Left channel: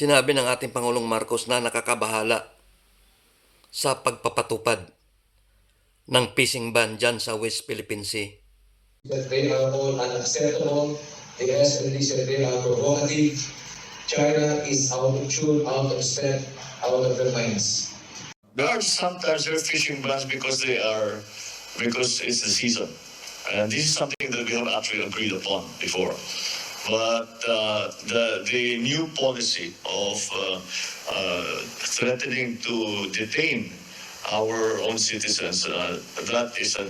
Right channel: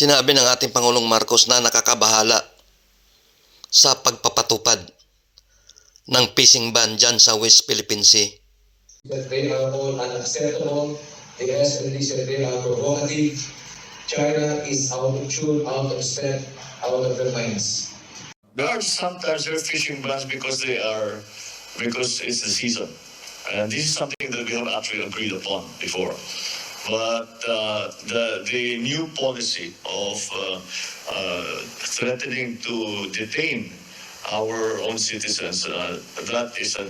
Sinabi ng ating Pangulong Marcos na nakakabahala sa pagpapatupad ng fishing ban dyan sa West Philippine Sea. that they are all unacceptable. The said they are provocative. China is out of tune, out of step, out of their minds. There are sometimes there fishing bans because they are because it's the season, and this is something that we have actually agreed upon before. But uh, the the new policy of uh, uh, threatening to detain our own citizens uh, that is a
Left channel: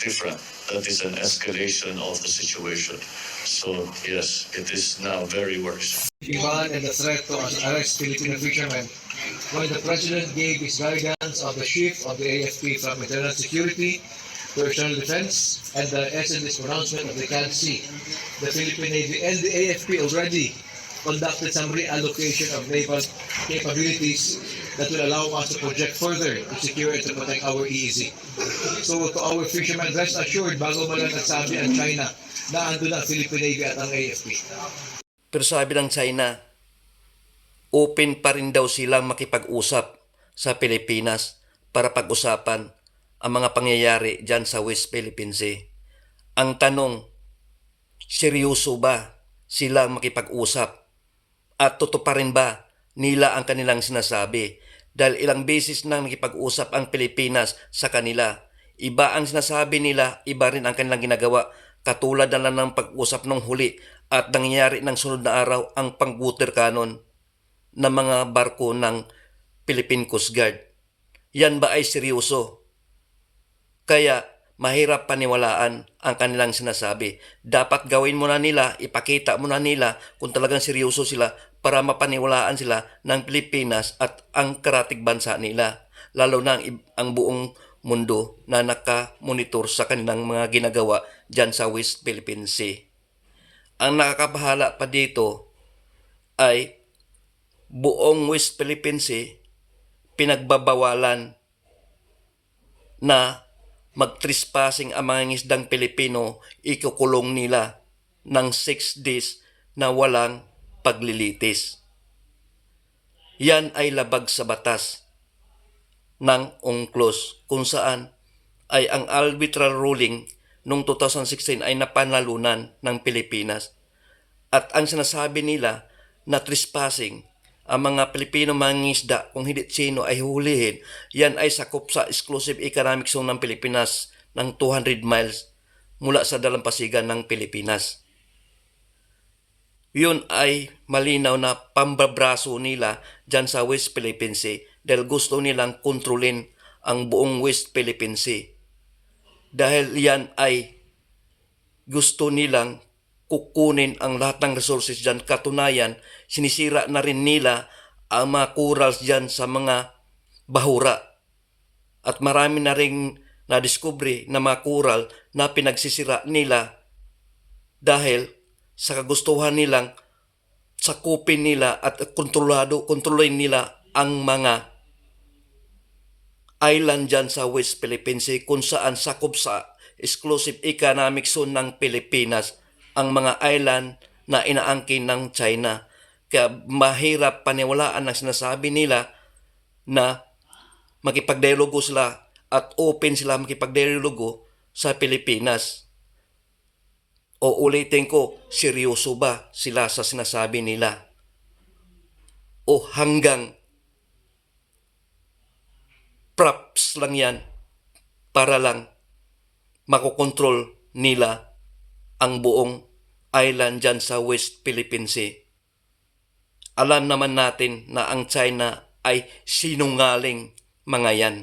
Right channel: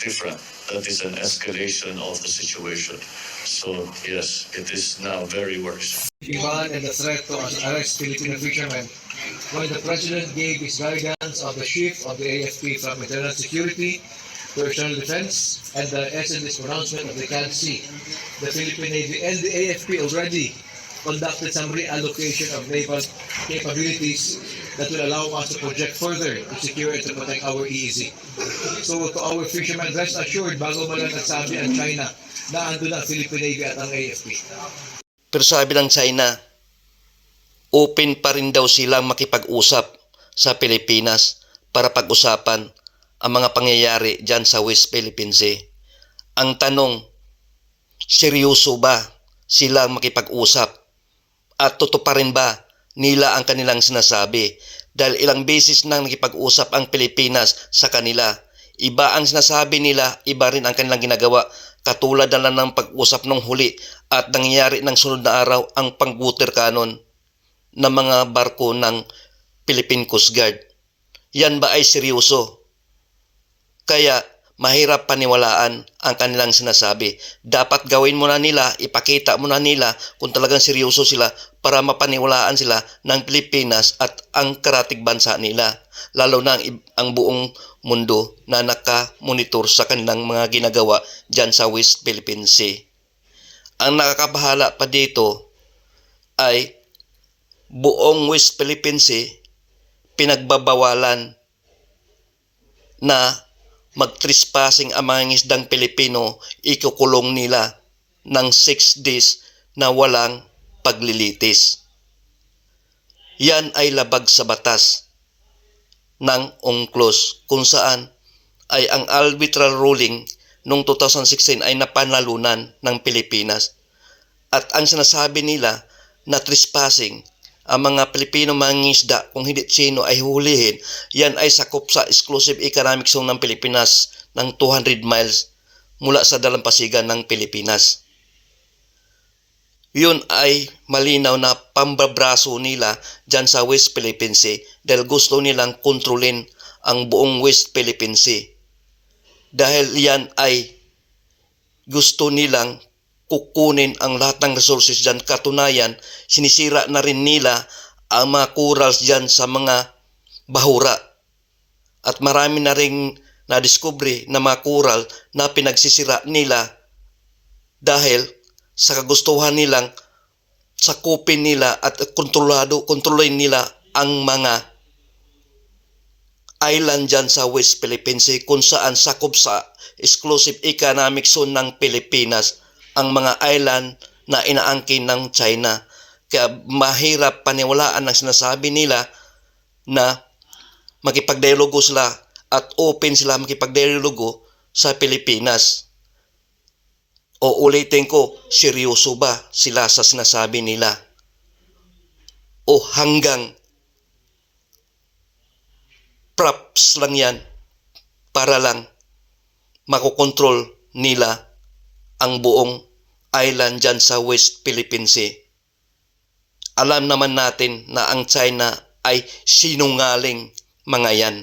different. That is an escalation of the situation. So yes, it is now very worse. Iran and the threat to arrest Filipino fishermen when the President gave his guidance on the shift of the AFP from internal security external defense and the SND's pronouncement of the Can Sea. The Philippine Navy and the AFP already conducted some reallocation of naval capabilities that will allow us to project further to secure and to protect our EEZ. So to our fishermen, rest assured, bago man lang nagsabi ang China na ando na ang Philippine Navy at ang AFP. Pero sabi ng China, open pa rin daw silang makipag-usap sa Pilipinas para pag-usapan ang mga pangyayari dyan sa West Philippine Sea. Ang tanong, seryoso ba silang makipag-usap? At totoo pa rin ba nila ang kanilang sinasabi? Dahil ilang beses nang nakipag-usap ang Pilipinas sa kanila. Iba ang sinasabi nila, iba rin ang kanilang ginagawa. Katulad na lang ng pag-usap nung huli at nangyayari ng sunod na araw ang pang-water cannon ng mga barko ng Philippine Coast Guard. Yan ba ay seryoso? Kaya mahirap paniwalaan ang kanilang sinasabi. Dapat gawin mo na nila, ipakita mo na nila kung talagang seryoso sila para mapaniwalaan sila ng Pilipinas at ang karatig bansa nila. Lalo na ang, ang buong mundo na nakamonitor sa kanilang mga ginagawa dyan sa West Philippine Sea. Ang nakakabahala pa dito ay buong West Philippine Sea pinagbabawalan na mag-trespassing ang mga isdang Pilipino, ikukulong nila ng 6 days na walang paglilitis. Yan ay labag sa batas ng UNCLOS kung saan ay ang arbitral ruling noong 2016 ay napanalunan ng Pilipinas. At ang sinasabi nila na trespassing ang mga Pilipino mangingisda kung hindi Chino ay hulihin, yan ay sakop sa exclusive economic zone ng Pilipinas ng 200 miles mula sa dalampasigan ng Pilipinas. Yun ay malinaw na pambabraso nila dyan sa West Philippine Sea dahil gusto nilang kontrolin ang buong West Philippine Sea. Dahil yan ay gusto nilang kukunin ang lahat ng resources dyan. Katunayan, sinisira na rin nila ang mga corals dyan sa mga bahura. At marami na rin na-discovery na mga coral na pinagsisira nila dahil sa kagustuhan nilang sakupin nila at kontrolado, kontrolin nila ang mga island dyan sa West Philippine Sea kung saan sakop sa exclusive economic zone ng Pilipinas ang mga island na inaangkin ng China. Kaya mahirap paniwalaan ang sinasabi nila na makipagdialogo sila at open sila makipagdialogo sa Pilipinas. O ulitin ko, seryoso ba sila sa sinasabi nila? O hanggang props lang yan para lang makokontrol nila ang buong island dyan sa West Philippine Sea. Alam naman natin na ang China ay sinungaling mga yan.